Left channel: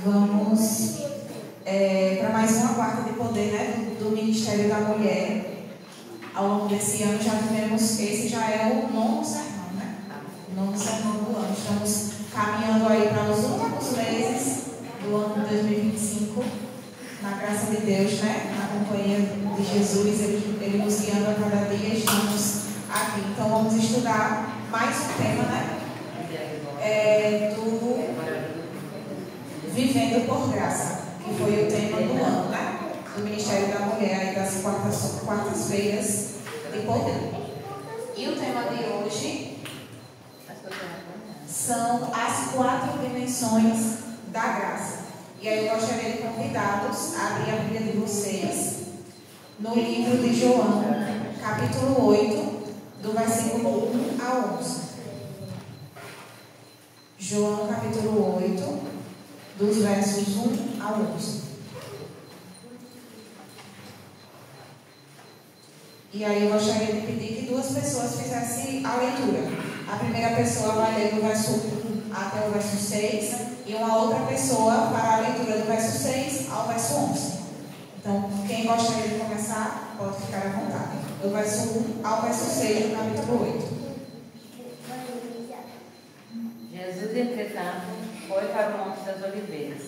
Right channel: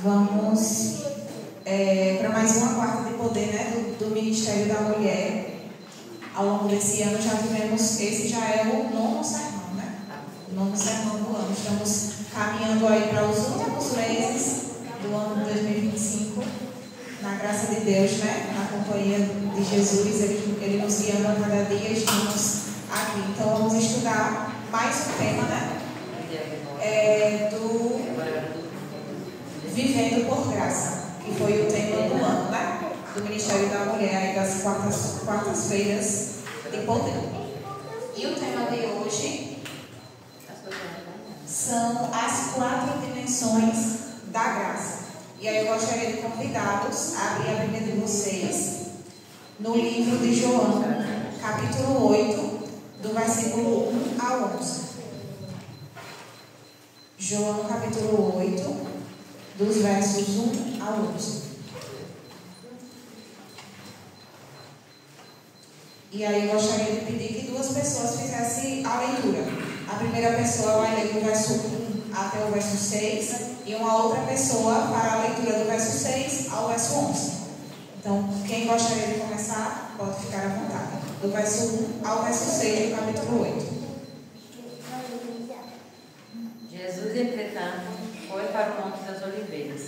Vamos para mais uma quarta de poder, né, do Ministério da Mulher. Ao longo desse ano já tivemos, esse já é o 9º sermão, né? O 9º sermão do ano. Estamos caminhando aí para os últimos meses do ano de 2025, na graça de Deus, né? Na companhia de Jesus, Ele nos guiando a cada dia, estamos aqui. Então vamos estudar mais um tema, né? Do Vivendo por Graça, que foi o tema do ano, né? Do Ministério da Mulher, aí das quartas-feiras de poder. E o tema de hoje são as 4 dimensões da graça. E aí eu gostaria de convidá-los a abrir a Bíblia de vocês no livro de João, capítulo 8, do versículo 1 a 11. João, capítulo 8, dos versos 1 a 11. E aí eu gostaria de pedir que 2 pessoas fizessem a leitura. A primeira pessoa vai ler do verso 1 até o verso 6 e uma outra pessoa para a leitura do verso 6 ao verso 11. Então, quem gostaria de começar, pode ficar à vontade. Do verso 1 ao verso 6 do capítulo 8. Jesus, entretanto, foi para o Monte das Oliveiras.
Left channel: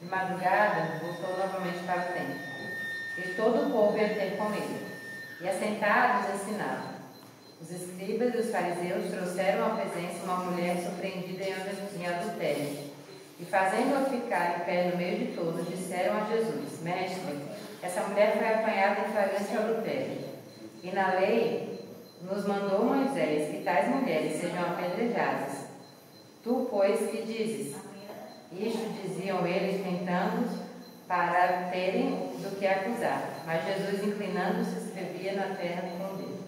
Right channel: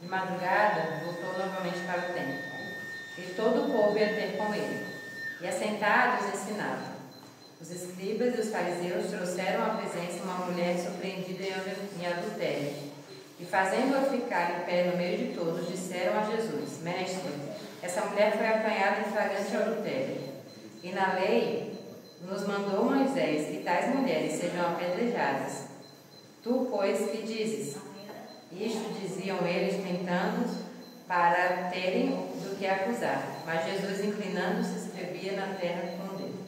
De madrugada, voltou novamente para o templo. E todo o povo ia ter com ele. E assentados ensinavam. Os escribas e os fariseus trouxeram à presença uma mulher surpreendida em adultério. E fazendo-a ficar em pé no meio de todos, disseram a Jesus: Mestre, essa mulher foi apanhada em flagrante adultério. E na lei nos mandou Moisés que tais mulheres sejam apedrejadas. Tu, pois, que dizes? Isto diziam eles, tentando para terem do que acusar. Mas Jesus, inclinando-se, escrevia na terra com o dedo.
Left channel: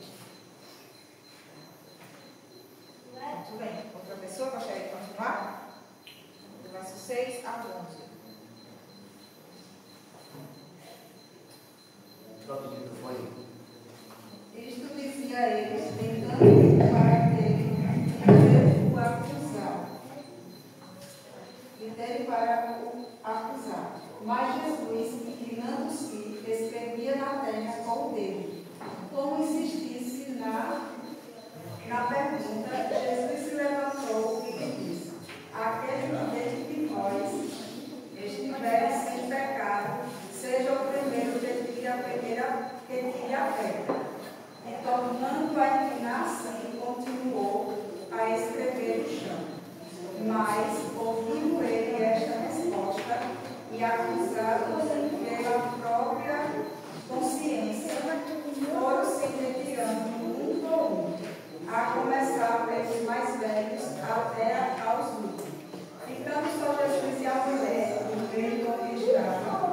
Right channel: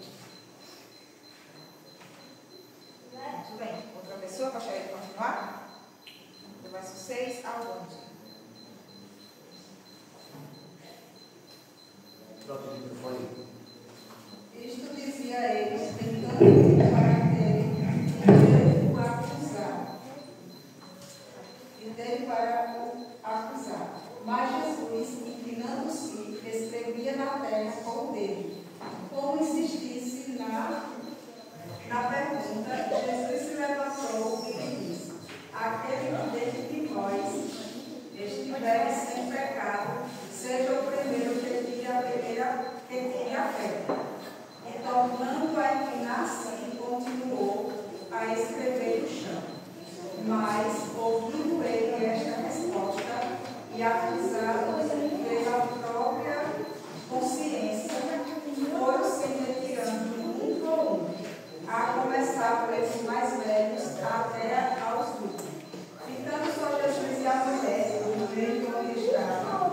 Muito bem. Outra pessoa gostaria de continuar? Do verso 6 ao 11. Isto dizia eles, tentando para terem o acusar. E dele para o acusar. Mas Jesus, inclinando-se, escrevia na terra com o dedo. Como insistisse na pergunta, Jesus se levantou e disse: Aquele de vós estiver sem pecado, seja o primeiro que tire a pedra. E tornando a inclinar-se, continuou a escrever no chão. Mas, ouvindo ele esta resposta, e acusado pela própria consciência, foram se retirando um por um, a começar pelos mais velhos até aos últimos. Ficando só Jesus e a mulher no meio onde estava,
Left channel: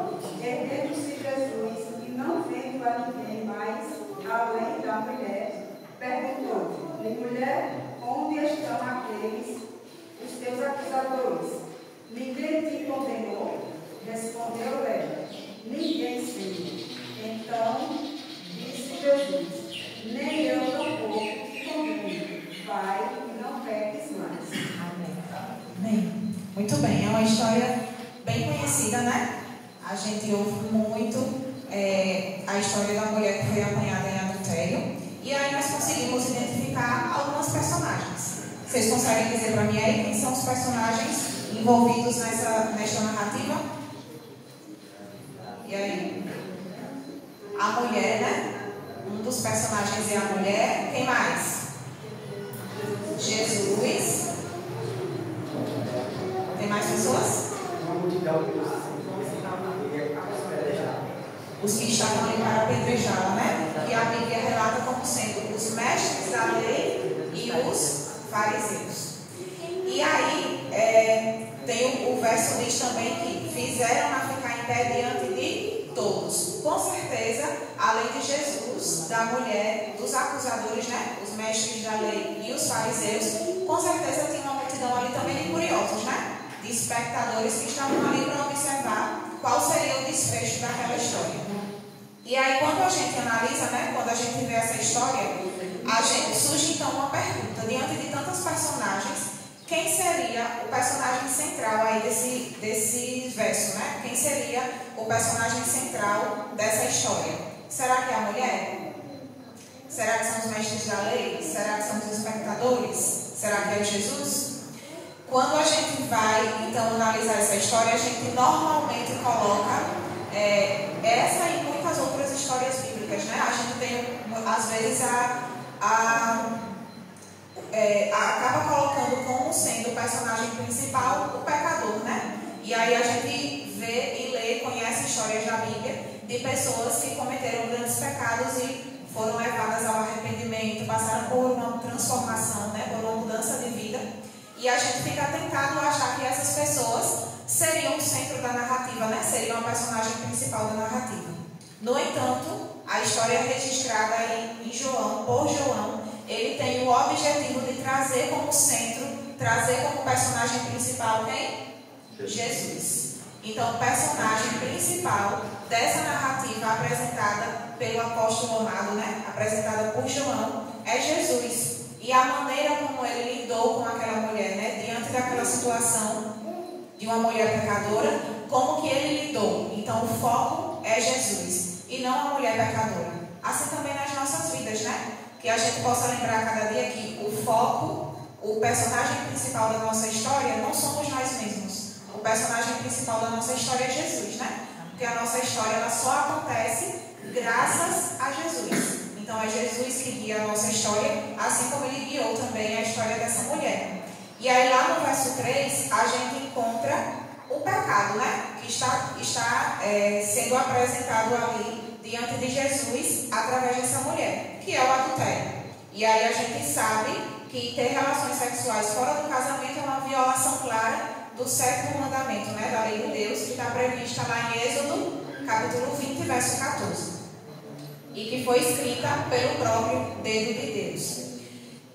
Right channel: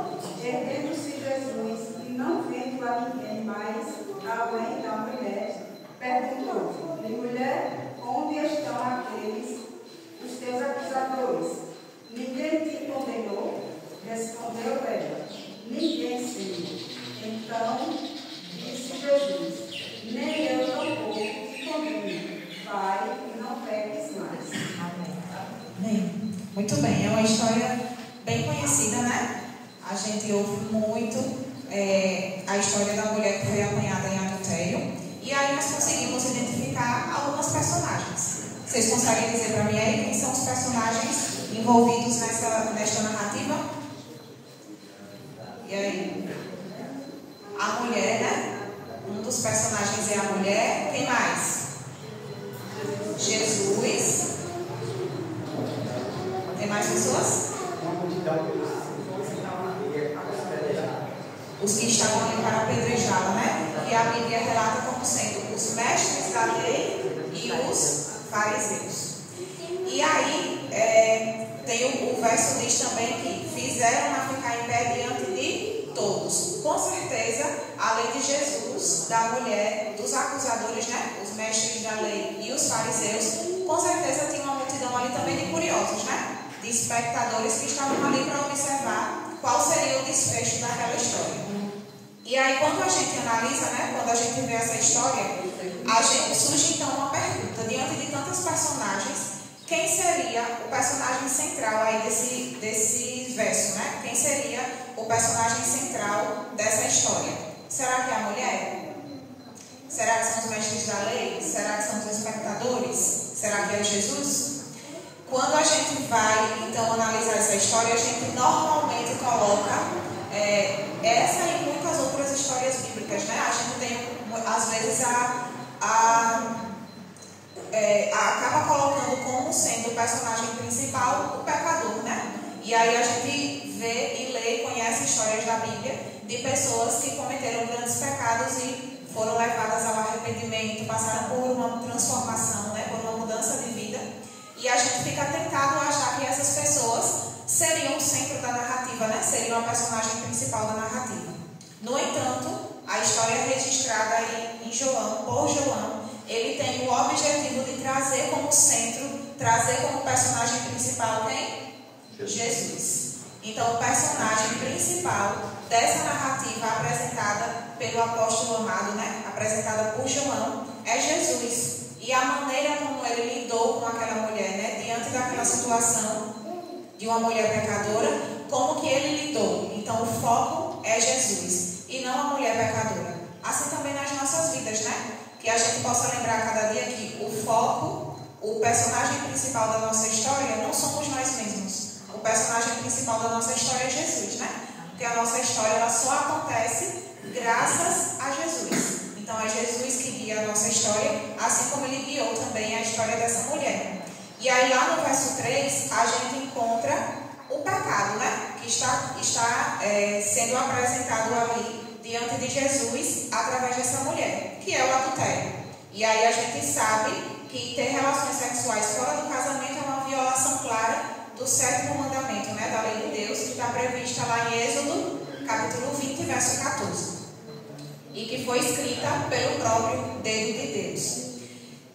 erguendo-se Jesus e não vendo a ninguém mais além da mulher, perguntou-lhe: Mulher, onde estão aqueles, os teus acusadores? Ninguém te condenou? Respondeu ela: Ninguém, Senhor. Então disse Jesus: Nem eu tampouco te condeno. Vai e não peques mais. Amém. Amém. Muito bem. É uma história bem conhecida, né? A gente ouve muito a história da mulher que foi apanhada em adultério. E aí nós conseguimos identificar algumas personagens. Vocês conseguem dizer para mim aí quem são os personagens envolvidos nesta narrativa? E aí? A mulher, né? Um dos personagens é a mulher. Quem mais? Jesus. Tem mais pessoas? Os que estavam ali para apedrejá-la, né? E a Bíblia relata como sendo os mestres da lei e os fariseus. E aí, tem o verso diz também que fizeram-na ficar em pé diante de todos. Com certeza, além de Jesus, da mulher, dos acusadores, né? Os mestres da lei e os fariseus, com certeza tinha uma multidão ali também de curiosos, né? De espectadores que estavam ali para observar qual seria o desfecho daquela história. E aí, quando a gente analisa, né? Quando a gente vê essa história, surge então uma pergunta. Diante de tantas personagens, quem seria o personagem central aí desse verso, né? Quem seria o personagem central dessa história? Será que é a mulher? Será que são os mestres da lei? Será que são os espectadores? Será que é Jesus? Quando a gente vai, então, analisar essa história, a gente normalmente coloca essa e muitas outras histórias bíblicas, né? A gente tem, às vezes, acaba colocando como sendo o personagem principal o pecador, né? E aí a gente vê e lê, conhece histórias da Bíblia de pessoas que cometeram grandes pecados e foram levadas ao arrependimento, passaram por uma transformação, né? Por uma mudança de vida. E a gente fica tentado a achar que essas pessoas seriam o centro da narrativa, né? Seriam a personagem principal da narrativa. No entanto, a história registrada aí em João, por João, ele tem o objetivo de trazer como centro, trazer como personagem principal quem? Jesus. Então, o personagem principal dessa narrativa apresentada pelo apóstolo amado, né? Apresentada por João, é Jesus. E a maneira como ele lidou com aquela mulher, né? Diante daquela situação de uma mulher pecadora, como que ele lidou? Então, o foco é Jesus e não a mulher pecadora. Assim também nas nossas vidas, né? Que a gente possa lembrar cada dia que o foco, o personagem principal da nossa história não somos nós mesmos. O personagem principal da nossa história é Jesus, né? Porque a nossa história ela só acontece graças a Jesus. Então é Jesus que guia a nossa história, assim como ele guiou também a história dessa mulher. E aí lá no verso 3, a gente encontra o pecado, né? Que está sendo apresentado ali diante de Jesus através dessa mulher, que é o adultério. E aí a gente sabe que ter relações sexuais fora do casamento é uma violação clara do 7º mandamento, né? Da lei de Deus, que está prevista lá em Êxodo, capítulo 20, verso 14. E que foi escrita pelo próprio dedo de Deus.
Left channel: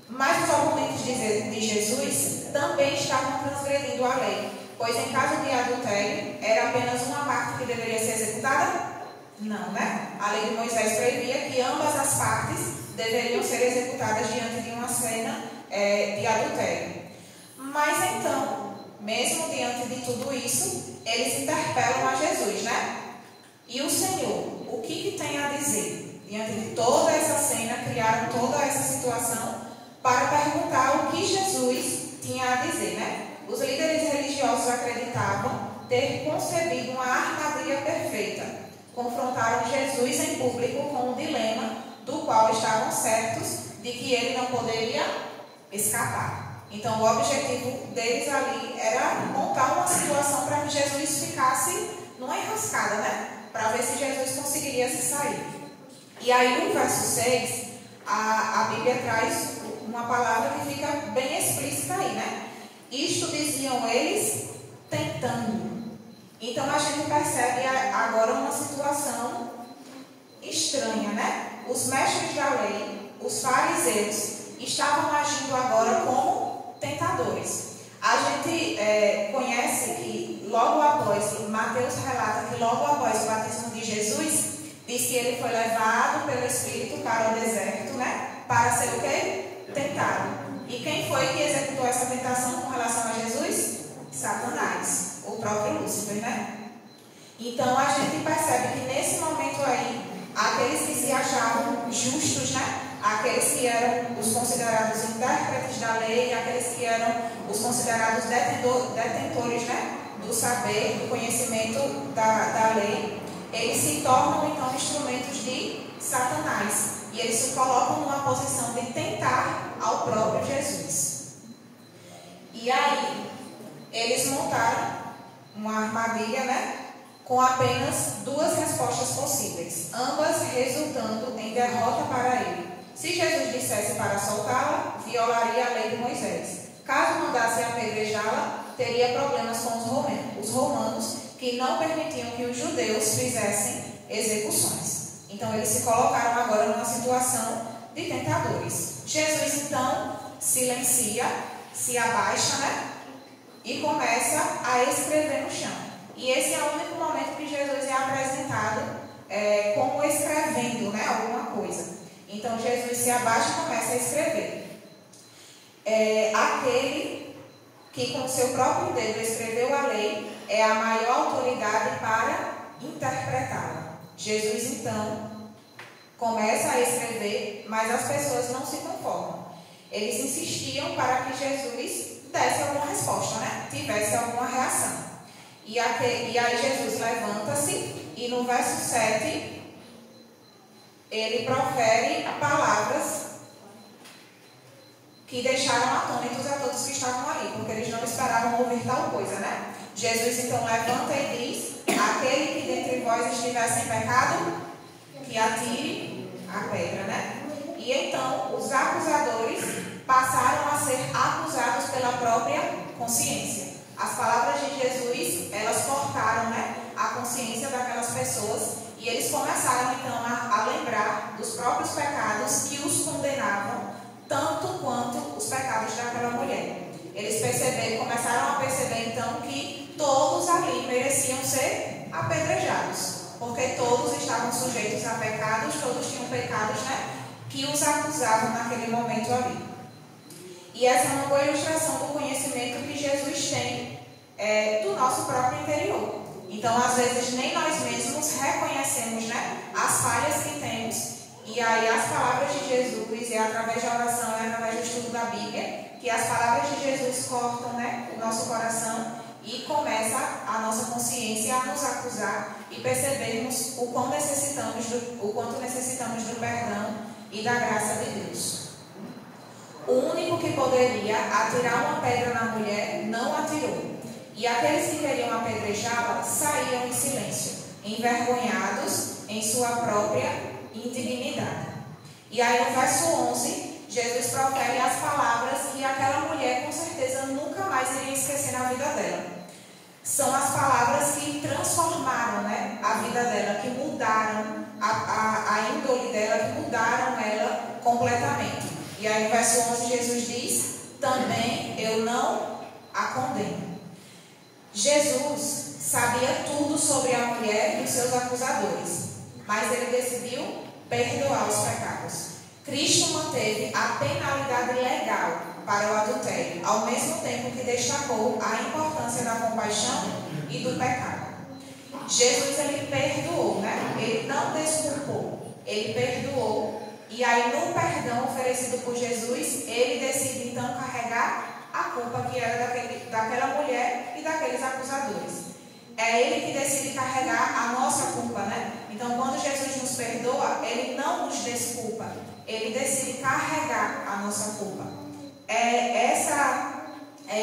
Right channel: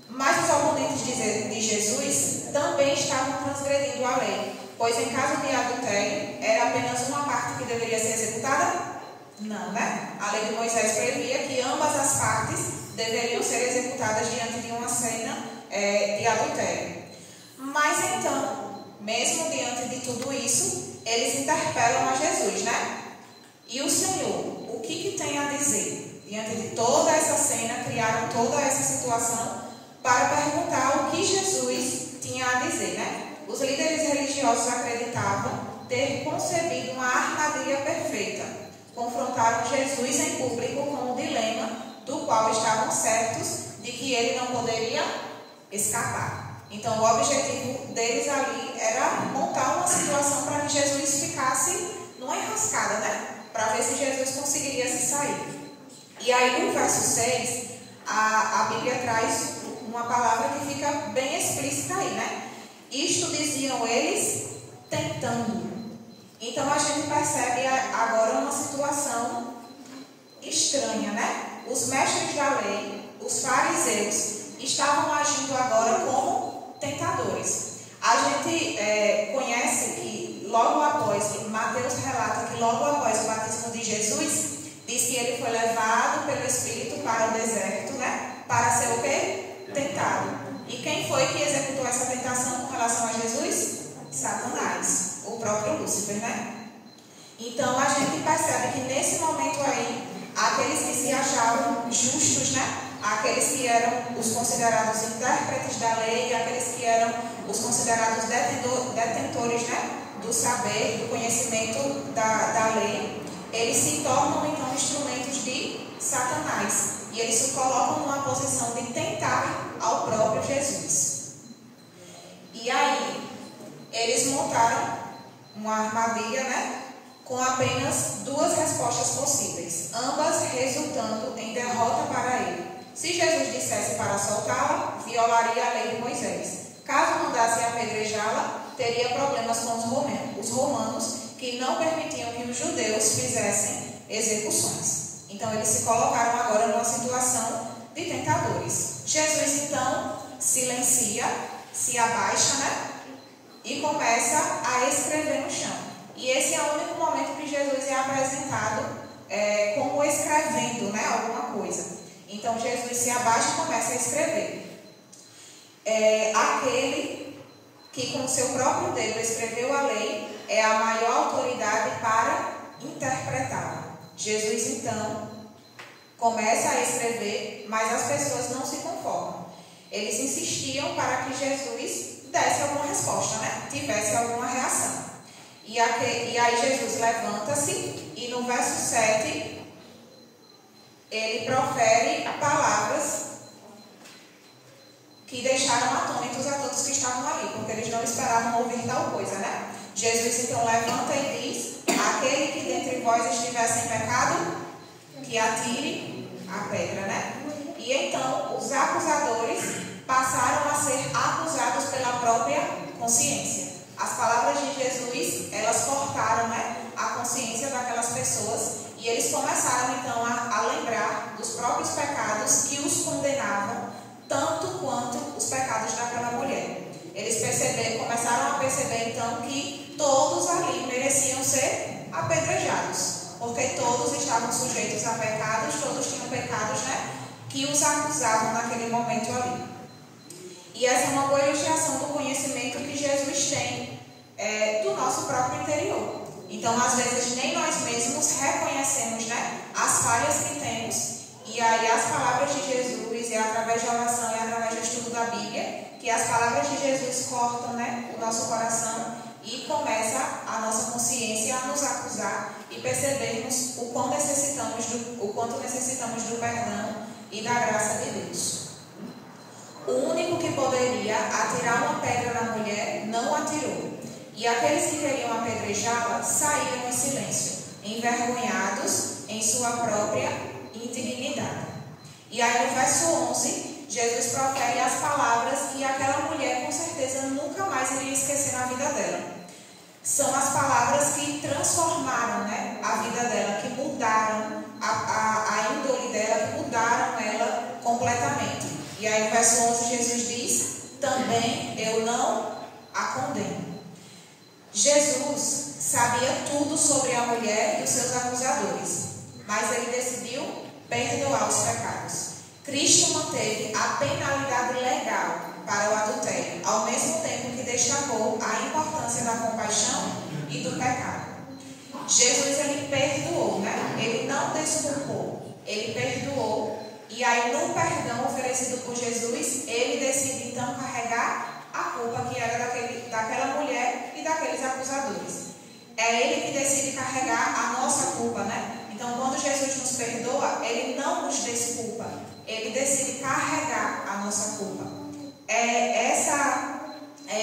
Mas os oponentes de Jesus também estavam transgredindo a lei, pois em caso de adultério, era apenas uma parte que deveria ser executada? Não, né? A lei de Moisés previa que ambas as partes deveriam ser executadas diante de uma cena de adultério. Mas então, mesmo diante de tudo isso, eles interpelam a Jesus, né? E o Senhor, o que tem a dizer? Diante de toda essa cena, criaram toda essa situação para perguntar o que Jesus tinha a dizer, né? Os líderes religiosos acreditavam ter concebido uma armadilha perfeita. Confrontaram Jesus em público com um dilema do qual estavam certos de que ele não poderia escapar. Então, o objetivo deles ali era montar uma situação para que Jesus ficasse numa enrascada, né? Para ver se Jesus conseguiria se sair. E aí, no verso 6, a Bíblia traz uma palavra que fica bem explícita aí, né? Isto diziam eles tentando. Então, a gente percebe agora uma situação estranha, né? Os mestres da lei, os fariseus, estavam agindo agora como tentadores. A gente conhece que logo após, Mateus relata que logo após o batismo de Jesus, diz que ele foi levado pelo Espírito para o deserto, né? Para ser o quê? Tentado. E quem foi que executou essa tentação com relação a Jesus? Satanás, o próprio Lúcifer, né? Então a gente percebe que nesse momento aí, aqueles que se achavam justos, né? Aqueles que eram os considerados intérpretes da lei, aqueles que eram os considerados detentores, né? Do saber, do conhecimento da lei, eles se tornam então instrumentos de Satanás. E eles se colocam numa posição de tentar ao próprio Jesus. E aí, eles montaram uma armadilha, né? Com apenas duas respostas possíveis, ambas resultando em derrota para ele. Se Jesus dissesse para soltá-la, violaria a lei de Moisés. Caso mandasse apedrejá-la, teria problemas com os romanos, que não permitiam que os judeus fizessem execuções. Então, eles se colocaram agora numa situação de tentadores. Jesus, então, silencia, se abaixa, né? E começa a escrever no chão. E esse é o único momento que Jesus é apresentado como escrevendo, né? Alguma coisa. Então, Jesus se abaixa e começa a escrever. Aquele que com seu próprio dedo escreveu a lei, é a maior autoridade para interpretá-la. Jesus, então, começa a escrever, mas as pessoas não se conformam. Eles insistiam para que Jesus desse alguma resposta, né? Tivesse alguma reação. E aí Jesus levanta-se e no verso 7, ele profere palavras que deixaram atônitos a todos que estavam ali, porque eles não esperavam ouvir tal coisa, né? Jesus então levanta e diz: aquele que dentre vós estiver sem pecado, que atire a pedra, né? E então os acusadores passaram a ser acusados pela própria consciência. As palavras de Jesus, elas cortaram, né, a consciência daquelas pessoas e eles começaram então a lembrar dos próprios pecados que os condenavam, tanto quanto os pecados daquela mulher. Eles começaram a perceber então que todos ali mereciam ser apedrejados, porque todos estavam sujeitos a pecados, todos tinham pecados, né, que os acusavam naquele momento ali. E essa é uma boa ilustração do conhecimento que Jesus tem do nosso próprio interior. Então, às vezes, nem nós mesmos reconhecemos, né, as falhas que temos. E aí as palavras de Jesus, é através da oração, é através do estudo da Bíblia, que as palavras de Jesus cortam, né, o nosso coração e começa a nossa consciência a nos acusar e percebermos o quanto necessitamos do perdão e da graça de Deus. O único que poderia atirar uma pedra na mulher não atirou. E aqueles que queriam apedrejá-la saíram em silêncio, envergonhados em sua própria indignidade. E aí no verso 11, Jesus profere as palavras que aquela mulher com certeza nunca mais iria esquecer na vida dela. São as palavras que transformaram, né, a vida dela, que mudaram a índole dela, que mudaram ela completamente. E aí no verso 11 Jesus diz: também eu não a condeno. Jesus sabia tudo sobre a mulher e os seus acusadores, mas ele decidiu perdoar os pecados. Cristo manteve a penalidade legal para o adultério, ao mesmo tempo que destacou a importância da compaixão e do pecado. Jesus, ele perdoou, né? Ele não desculpou, ele perdoou. E aí no perdão oferecido por Jesus, ele decide então carregar a culpa que era daquela mulher e daqueles acusadores. É ele que decide carregar a nossa culpa, né? Então, quando Jesus nos perdoa, ele não nos desculpa, ele decide carregar a nossa culpa. É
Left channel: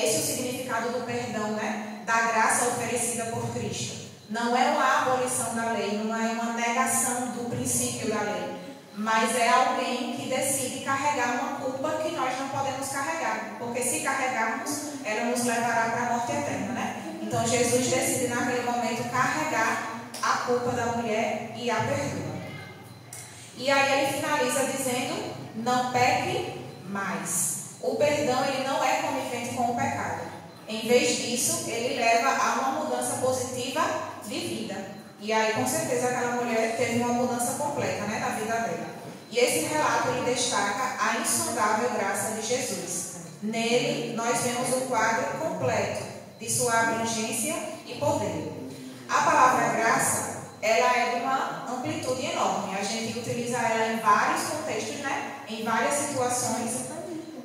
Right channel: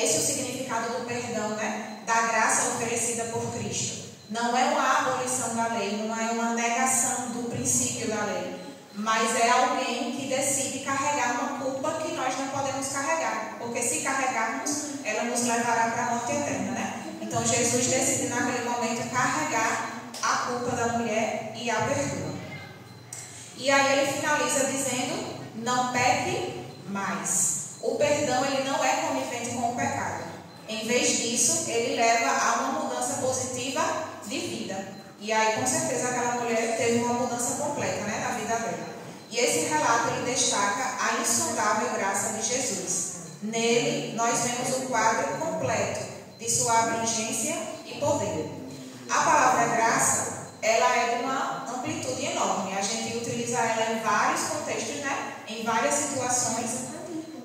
esse o significado do perdão, né? Da graça oferecida por Cristo. Não é uma abolição da lei, não é uma negação do princípio da lei, mas é alguém que decide carregar uma culpa que nós não podemos carregar, porque se carregarmos, ela nos levará para a morte eterna, né? Então Jesus decide naquele momento carregar a culpa da mulher e a perdoa. E aí ele finaliza dizendo: não peque mais. O perdão, ele não é conivente com o pecado. Em vez disso, ele leva a uma mudança positiva de vida. E aí, com certeza, aquela mulher teve uma mudança completa, né, na vida dela. E esse relato, ele destaca a insondável graça de Jesus. Nele, nós vemos o quadro completo de sua abrangência e poder. A palavra graça, ela é de uma amplitude enorme. A gente utiliza ela em vários contextos, né, em várias situações.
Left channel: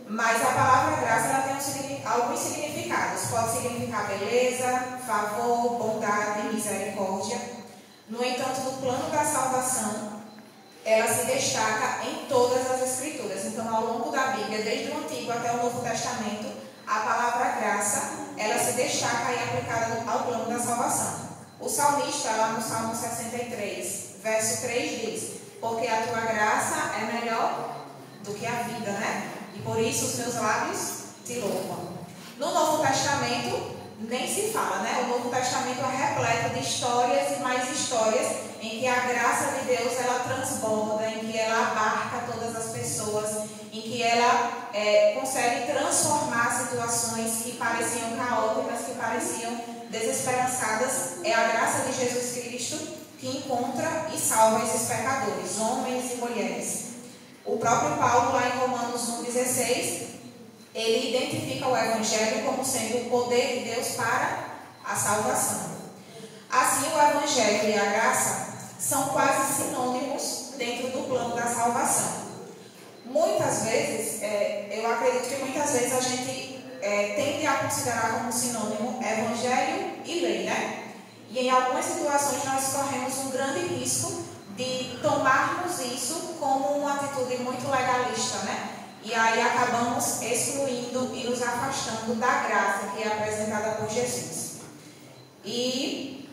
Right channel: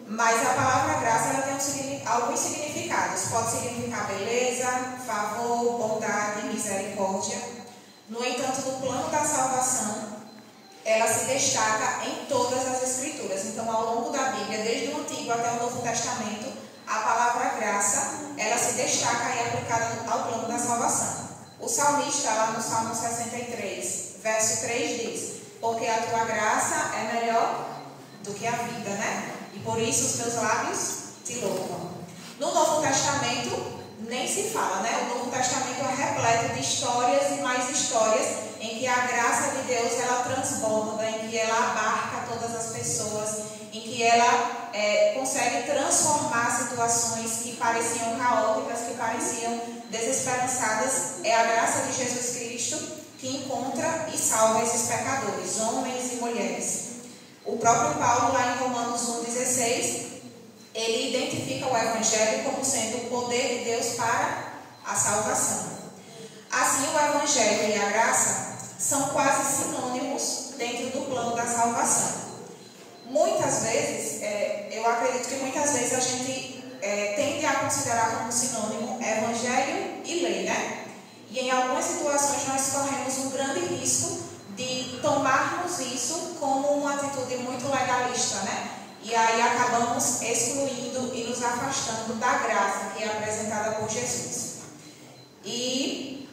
Mas a palavra graça, ela tem alguns significados. Pode significar beleza, favor, bondade, misericórdia. No entanto, no plano da salvação, ela se destaca em todas as Escrituras. Então, ao longo da Bíblia, desde o Antigo até o Novo Testamento, a palavra graça, ela se destaca e é aplicada ao plano da salvação. O salmista, lá no Salmo 63, verso 3, diz: porque a tua graça é melhor do que a vida, né? E por isso os meus lábios te louvam. No Novo Testamento, nem se fala, né? O Novo Testamento é repleto de histórias e mais histórias em que a graça de Deus, ela transborda, em que ela abarca todas as pessoas, em que ela consegue transformar situações que pareciam caóticas, que pareciam desesperançadas. É a graça de Jesus Cristo que encontra e salva esses pecadores, homens e mulheres. O próprio Paulo, lá em Romanos 1,16, ele identifica o Evangelho como sendo o poder de Deus para a salvação. Assim, o Evangelho e a graça são quase sinônimos dentro do plano da salvação. Muitas vezes, eu acredito que muitas vezes a gente tende a considerar como sinônimo Evangelho e lei, né? E em algumas situações nós corremos um grande risco de tomarmos isso como uma atitude muito legalista, né? E aí acabamos excluindo e nos afastando da graça que é apresentada por Jesus. E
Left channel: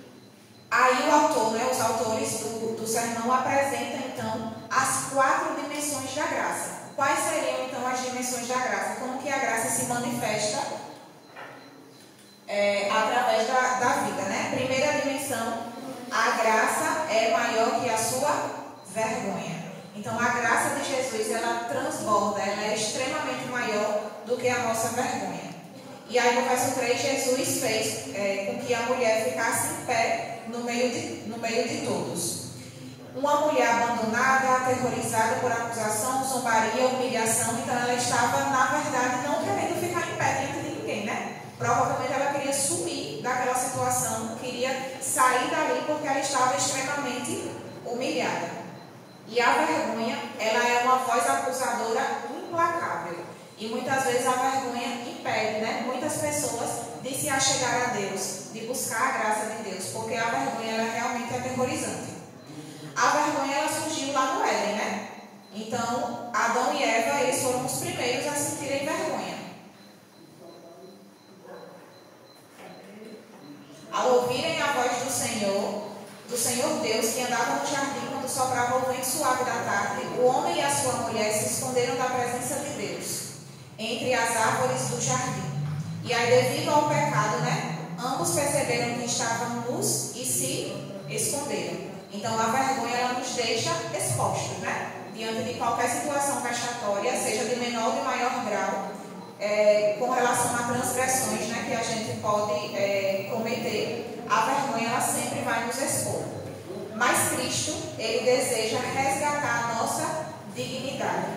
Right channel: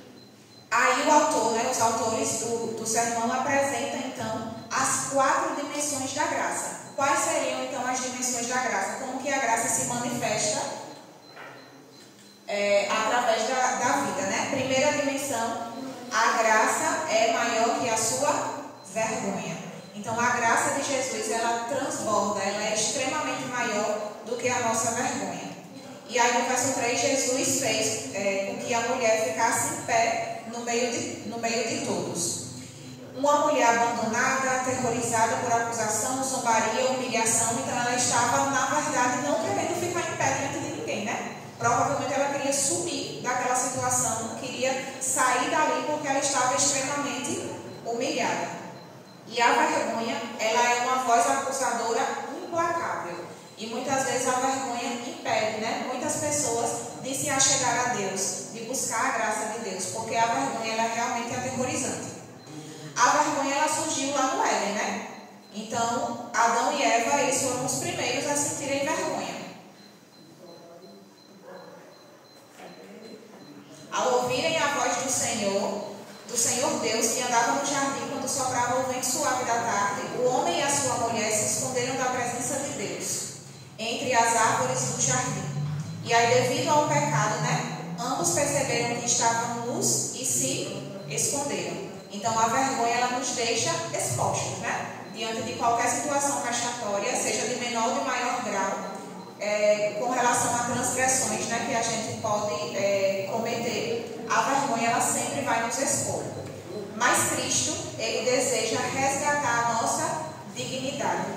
aí o autor, né, os autores do sermão apresentam então as 4 dimensões da graça. Quais seriam então as dimensões da graça? Como que a graça se manifesta através da vida, né? Primeira dimensão, a graça é maior que a sua vergonha. Então a graça de Jesus, ela transborda, ela é extremamente maior do que a nossa vergonha. E aí no verso 3, Jesus fez com que a mulher ficasse em pé no meio de todos. Uma mulher abandonada, aterrorizada por acusação, zombaria, humilhação, então ela estava, na verdade, não querendo ficar em pé diante de ninguém, né? Provavelmente ela queria sumir daquela situação, queria sair dali porque ela estava extremamente humilhada. E a vergonha, ela é uma voz acusadora implacável. E muitas vezes a vergonha impede, né, muitas pessoas de se achegar a Deus, de buscar a graça de Deus, porque a vergonha, ela é realmente aterrorizante. A vergonha, ela surgiu lá no Éden, né? Então, Adão e Eva, eles foram os primeiros a sentirem vergonha. Ao ouvirem a voz do Senhor Deus, que andava no jardim quando soprava o vento suave da tarde, o homem e a sua mulher se esconderam da presença de Deus, entre as árvores do jardim. E aí, devido ao pecado, né, ambos perceberam que estavam nus e se esconderam. Então, a vergonha, ela nos deixa expostos, né, diante de qualquer situação vexatória, seja de menor ou de maior grau, com relação a transgressões, né, que a gente pode cometer. A vergonha, ela sempre vai nos expor. Mas Cristo, ele deseja resgatar a nossa dignidade.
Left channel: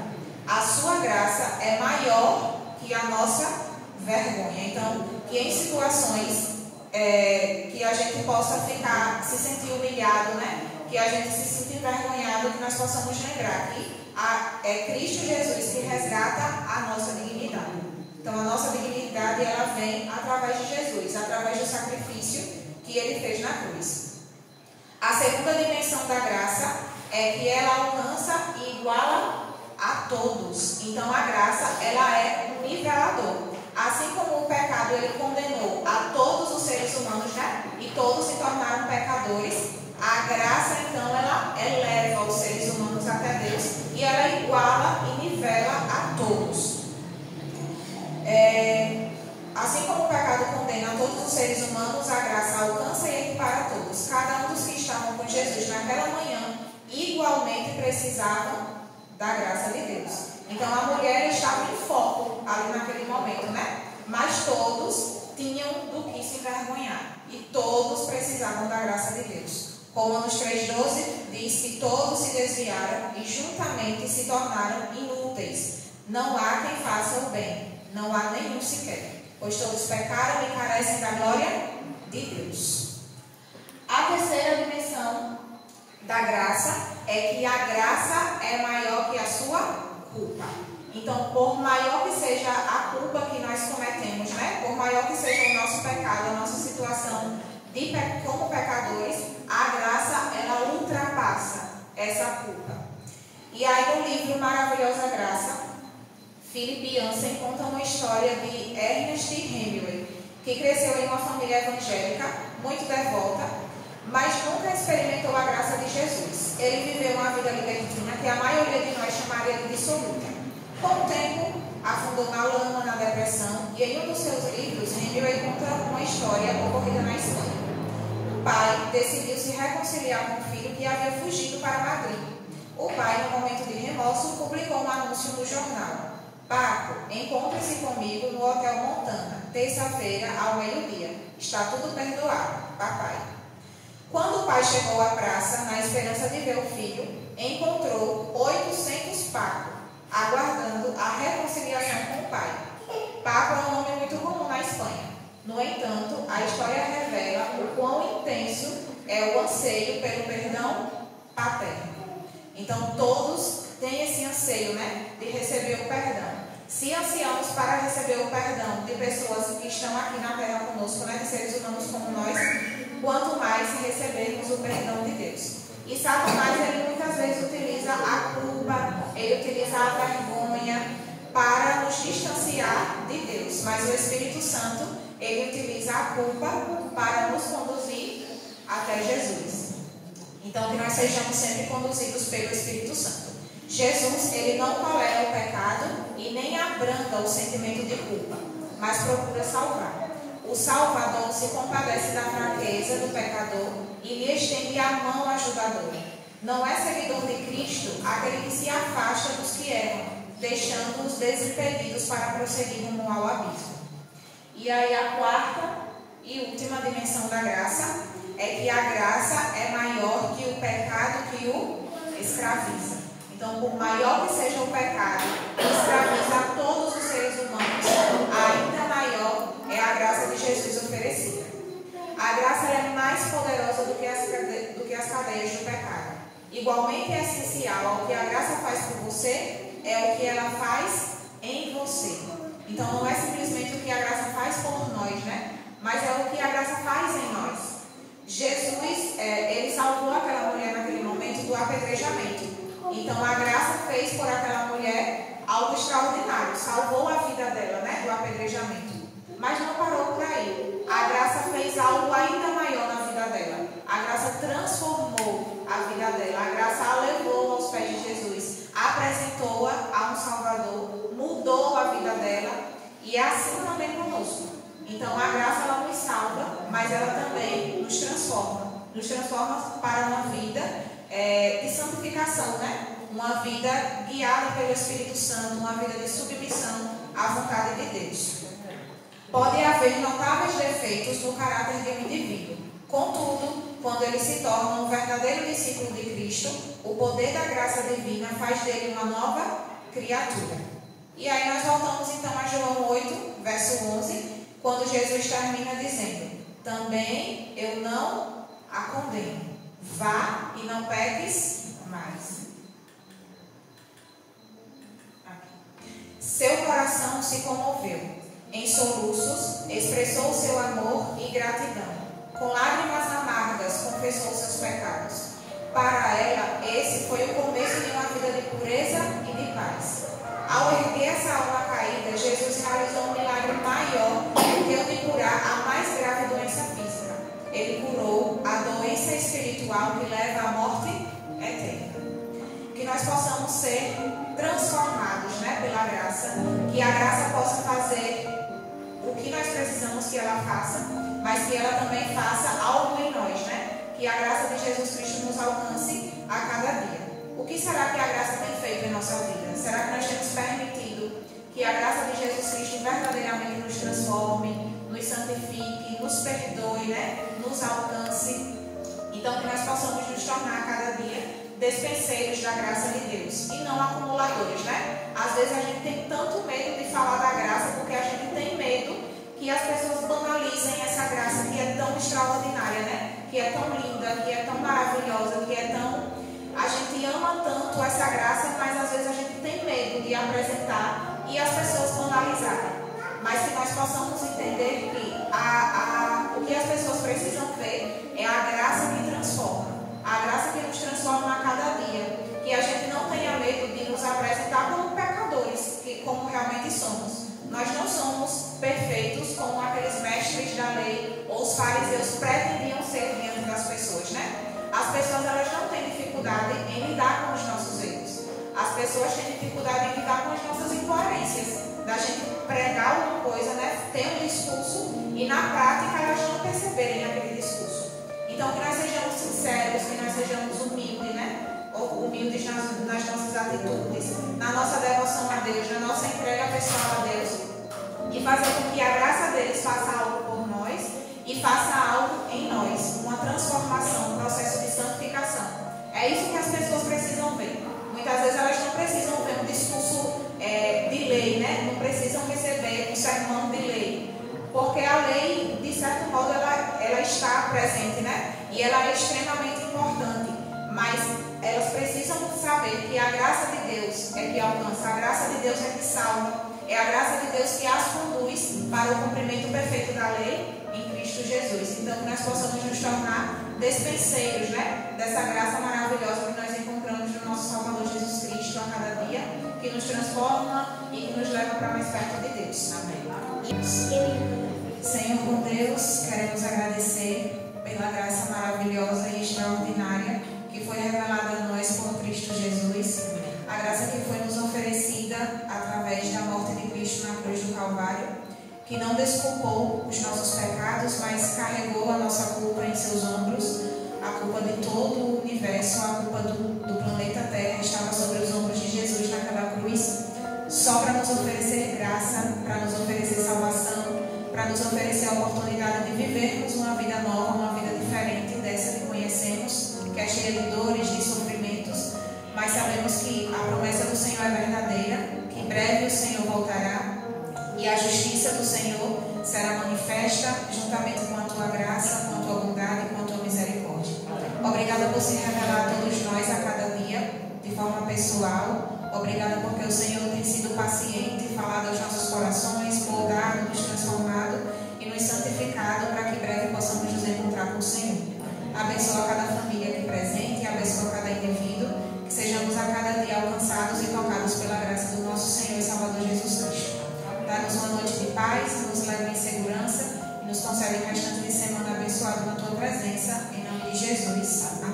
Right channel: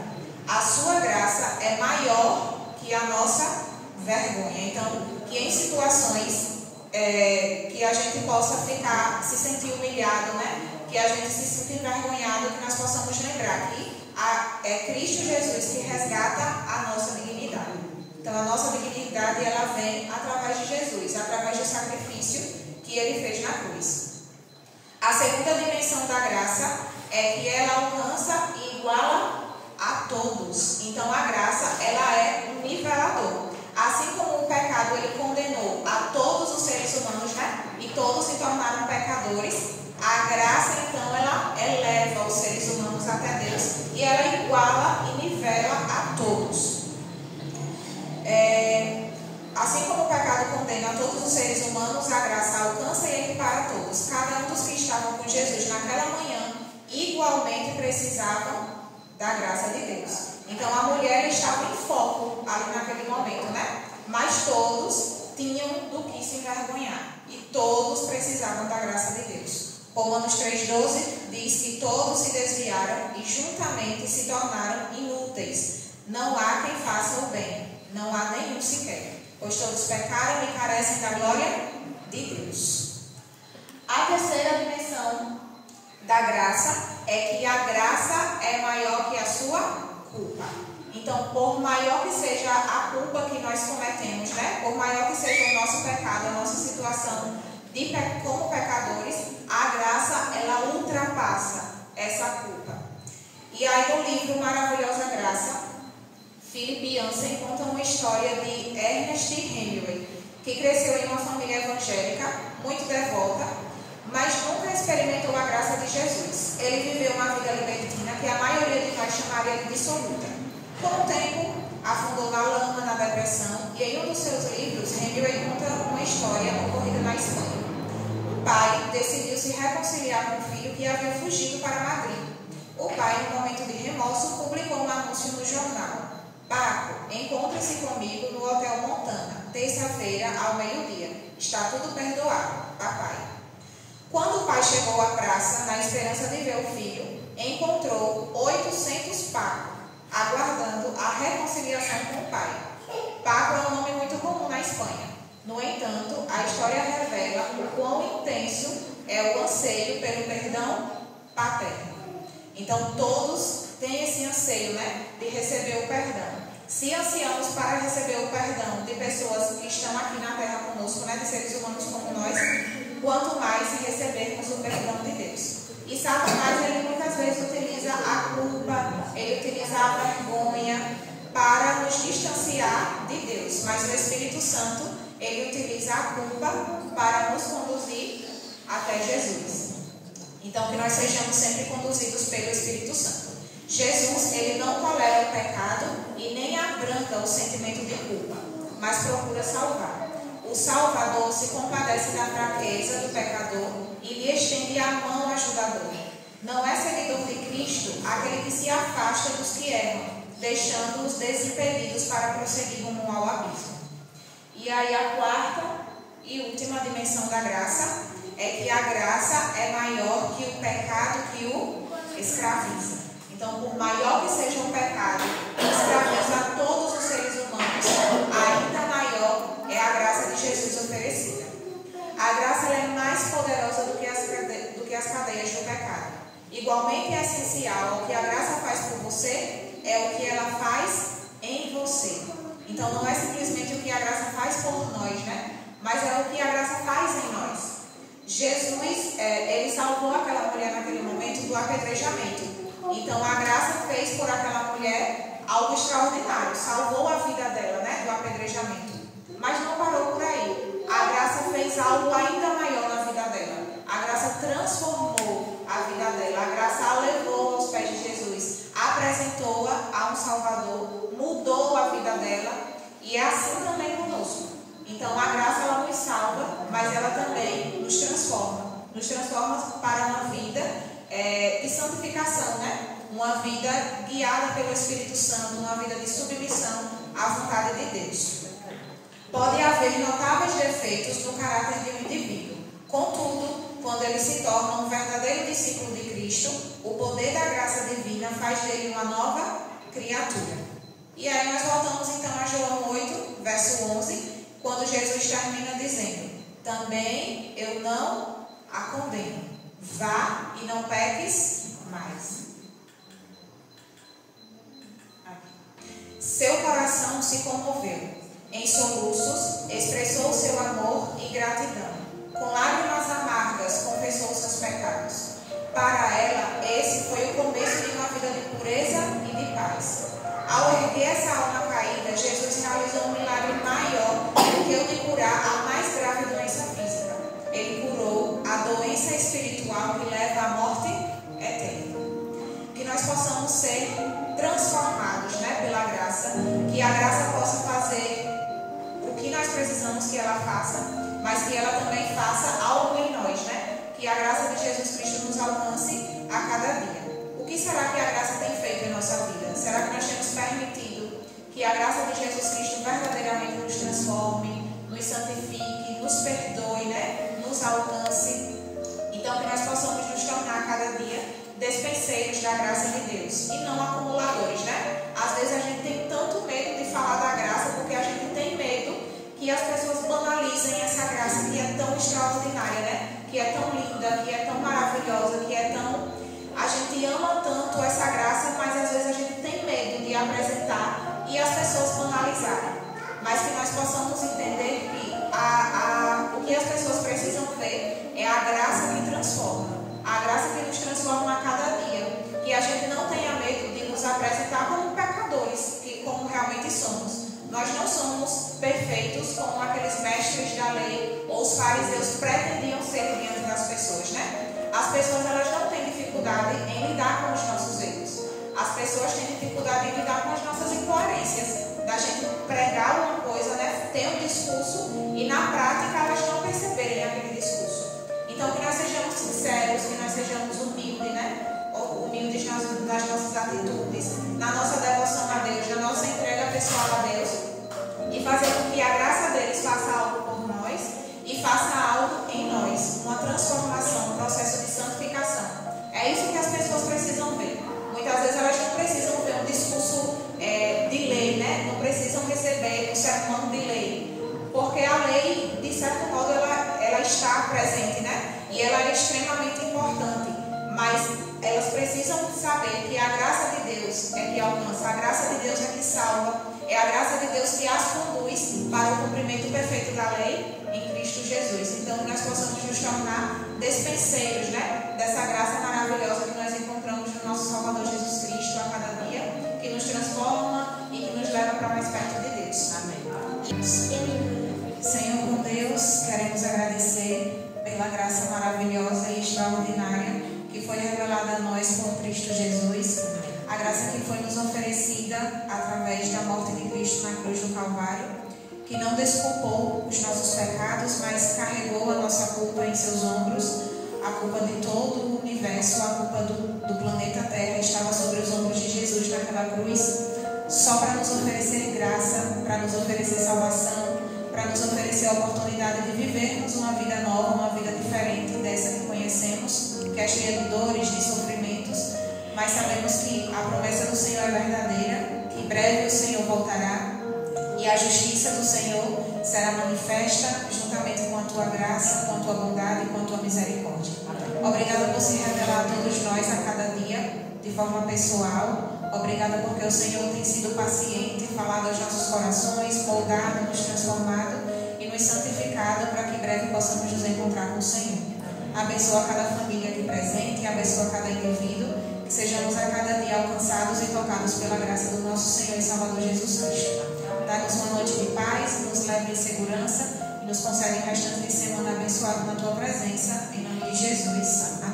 A sua graça é maior que a nossa vergonha. Então, que em situações que a gente possa se sentir humilhado, né, que a gente se sinta envergonhado, que nós possamos lembrar que é Cristo Jesus que resgata a nossa dignidade. Então, a nossa dignidade, ela vem através de Jesus, através do sacrifício que ele fez na cruz. A segunda dimensão da graça é que ela alcança e iguala a todos. Então, a graça, ela é um nivelador. Assim como o pecado, ele condenou a todos os seres humanos, né? E todos se tornaram pecadores. A graça, então, ela eleva os seres humanos até Deus e ela iguala e nivela a todos. Assim como o pecado condena a todos os seres humanos, a graça alcança e equipara a todos. Cada um dos que estavam com Jesus naquela manhã igualmente precisavam da graça de Deus. Então a mulher estava em foco ali naquele momento, né? Mas todos tinham do que se envergonhar e todos precisavam da graça de Deus. Romanos 3,12 diz que todos se desviaram e juntamente se tornaram inúteis. Não há quem faça o bem, não há nenhum sequer, pois todos pecaram e carecem da glória de Deus. A terceira dimensão da graça é que a graça é maior que a sua culpa. Então, por maior que seja a culpa que nós cometemos, né? Por maior que seja o nosso pecado, a nossa situação como pecadores, a graça, ela ultrapassa essa culpa. E aí no livro Maravilhosa Graça, Philip Yancey conta uma história de Ernest Hemingway, que cresceu em uma família evangélica, muito devota, mas nunca experimentou a graça de Jesus. Ele viveu uma vida libertina que a maioria de nós chamaria de dissoluta. Com o tempo, afundou na lama, na depressão, e em um dos seus livros, Hemingway conta uma história ocorrida na Espanha. Um pai decidiu se reconciliar com o filho que havia fugido para Madrid. O pai, no momento de remorso, publicou um anúncio no jornal. Paco, encontre-se comigo no Hotel Montana, terça-feira ao meio-dia. Está tudo perdoado, papai. Quando o pai chegou à praça, na esperança de ver o filho, encontrou 800 pacos, aguardando a reconciliação com o pai. Paco é um nome muito comum na Espanha. No entanto, a história revela o quão intenso é o anseio pelo perdão paterno. Então, todos têm esse anseio, né, de receber o perdão. Se ansiamos para receber o perdão de pessoas que estão aqui na Terra conosco, né, de seres humanos como nós, quanto mais recebermos o perdão de Deus. E Satanás, ele muitas vezes utiliza a culpa, ele utiliza a vergonha para nos distanciar de Deus. Mas o Espírito Santo, ele utiliza a culpa para nos conduzir até Jesus. Então, que nós sejamos sempre conduzidos pelo Espírito Santo. Jesus, ele não tolera o pecado e nem abranda o sentimento de culpa, mas procura salvar. O Salvador se compadece da fraqueza do pecador e lhe estende a mão ajudadora. Não é seguidor de Cristo aquele que se afasta dos que erram, deixando-os desimpedidos para prosseguir rumo ao abismo. E aí a quarta e última dimensão da graça é que a graça é maior que o pecado que o escraviza. Então, por maior que seja o pecado que escraviza a todos os seres humanos, ainda maior é a graça de Jesus oferecida. A graça ela é mais poderosa do que as cadeias do pecado. Igualmente essencial ao que a graça faz por você é o que ela faz em você. Então, não é simplesmente o que a graça faz por nós, né? Mas é o que a graça faz em nós. Jesus, ele salvou aquela mulher naquele momento do apedrejamento. Então, a graça fez por aquela mulher algo extraordinário. Salvou a vida dela, né, do apedrejamento. Mas não parou por aí. A graça fez algo ainda maior na vida dela. A graça transformou a vida dela. A graça a levou aos pés de Jesus. Apresentou-a a um Salvador. Mudou a vida dela. E é assim também conosco. Então, a graça ela nos salva, mas ela também nos transforma. Nos transforma para uma vida de santificação, né? Uma vida guiada pelo Espírito Santo, uma vida de submissão à vontade de Deus. Pode haver notáveis defeitos no caráter de um indivíduo. Contudo, quando ele se torna um verdadeiro discípulo de Cristo, o poder da graça divina faz dele uma nova criatura. E aí nós voltamos então a João 8, verso 11, quando Jesus termina dizendo: também eu não a condeno. Vá e não peques mais. Seu coração se comoveu. Em soluços, expressou seu amor e gratidão. Com lágrimas amargas, confessou seus pecados. Para ela, esse foi o começo de uma vida de pureza e de paz. Ao erguer essa alma caída, Jesus realizou um milagre maior do que o de curar a mais grave doença física. Ele curou a doença espiritual que leva à morte eterna. Que nós possamos ser transformados, né, pela graça. Que a graça possa fazer o que nós precisamos que ela faça, mas que ela também faça algo em nós, né? Que a graça de Jesus Cristo nos alcance a cada dia. O que será que a graça tem feito em nossa vida? Será que nós temos permitido que a graça de Jesus Cristo verdadeiramente nos transforme, nos santifique, nos perdoe, né? Nos alcance? Então, que nós possamos nos tornar a cada dia despenseiros da graça de Deus e não acumuladores, né? Às vezes a gente tem tanto medo de falar da graça porque a gente tem medo que as pessoas banalizem essa graça que é tão extraordinária, né? Que é tão linda, que é tão maravilhosa, que é tão... A gente ama tanto essa graça, mas às vezes a gente tem medo de apresentar e as pessoas banalizarem. Mas que nós possamos entender que o que as pessoas precisam ver é a graça que transforma. A graça que nos transforma a cada dia. Que a gente não tenha medo de nos apresentar como pecadores, como realmente somos. Nós não somos perfeitos como aqueles mestres da lei ou os fariseus pretendiam ser diante das pessoas, né? As pessoas elas não têm dificuldade em lidar com os nossos erros. As pessoas têm dificuldade em lidar com as nossas incoerências. Da gente pregar uma coisa, né? Ter um discurso e na prática elas não perceberem aquele discurso. Então que nós sejamos sinceros, que nós sejamos humildes, né? Humildes nas nossas atitudes, na nossa devoção a Deus, na nossa entrega pessoal a Deus, e fazer com que a graça deles faça algo por nós e faça algo em nós, uma transformação, um processo de santificação. É isso que as pessoas precisam ver. Muitas vezes elas não precisam ver um discurso de lei, né? Não precisam receber o sermão de lei, porque a lei, de certo modo, ela está presente, né? E ela é extremamente importante, mas elas precisam saber que a graça de Deus é que alcança, a graça de Deus é que salva, é a graça de Deus que as conduz para o cumprimento perfeito da lei em Cristo Jesus. Então, que nós possamos nos tornar despenseiros, né, dessa graça maravilhosa que nós encontramos no nosso Salvador Jesus Cristo a cada dia, que nos transforma e que nos leva para mais perto de Deus. Amém. Senhor, com Deus, queremos agradecer pela graça maravilhosa e extraordinária que foi revelada a nós por Cristo Jesus. A graça que foi nos oferecida através da morte de Cristo na cruz do Calvário, que não desculpou os nossos pecados, mas carregou a nossa culpa em seus ombros. A culpa de todo o universo, a culpa do planeta Terra estava sobre os ombros de Jesus naquela cruz, só para nos oferecer graça, para nos oferecer salvação, para nos oferecer a oportunidade de vivermos uma vida nova, uma vida diferente dessa que conhecemos, que é cheia de dores, de sofrimentos, mas sabemos que a promessa do Senhor é verdadeira, que em breve o Senhor voltará e a justiça do Senhor será manifesta juntamente com a tua graça, com a tua bondade e com a tua misericórdia. Obrigada por se revelar a todos nós a cada dia, de forma pessoal. Obrigada porque o Senhor tem sido paciente, falado aos nossos corações, moldado, nos transformado e nos santificado para que em breve possamos nos encontrar com o Senhor. Abençoa cada família aqui presente, abençoa cada indivíduo, que sejamos a cada dia alcançados e tocados pela graça do nosso Senhor e Salvador Jesus Cristo. Dá-nos uma noite de paz, nos leva em segurança e nos concede o restante de semana abençoado na tua presença, em nome de Jesus. Amém.